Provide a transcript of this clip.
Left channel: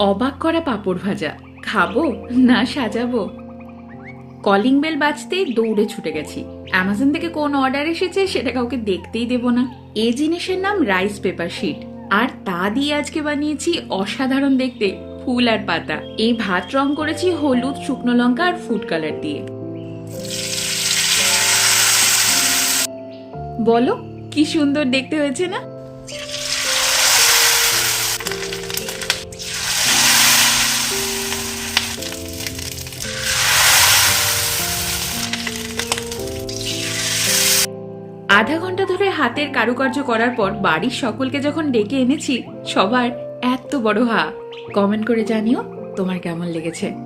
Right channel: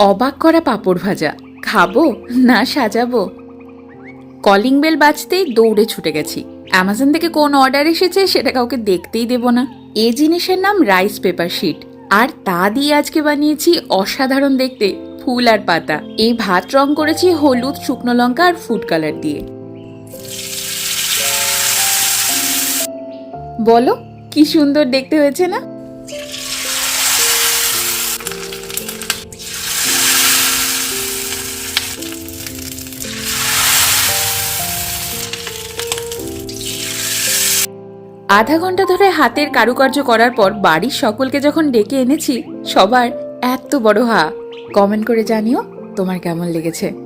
অবাক করা পাঁপড় ভাজা খাবো না সাজাবো। কলিং বেল বাজতেই দৌড়ে ছুটে গেছি। অ্যামাজন থেকে কোন অর্ডার এসেছে সেটা কাউকে দেখতেই দেব না। এই জিনিসের নাম রাইস পেপার শিট, আর তা দিয়ে আজকে বানিয়েছি অসাধারণ দেখতে ফুল আর পাতা। এই ভাত রং করেছি হলুদ, শুকনো লঙ্কা আর ফুড কালার দিয়ে। বলো কি সুন্দর দেখতে হয়েছে না? আধা ঘন্টা ধরে হাতের কারুকার্য করার পর বাড়ির সকলকে যখন ডেকে এনেছি, সবার এত বড় হা। কমেন্ট করে জানিও তোমার কেমন লেগেছে।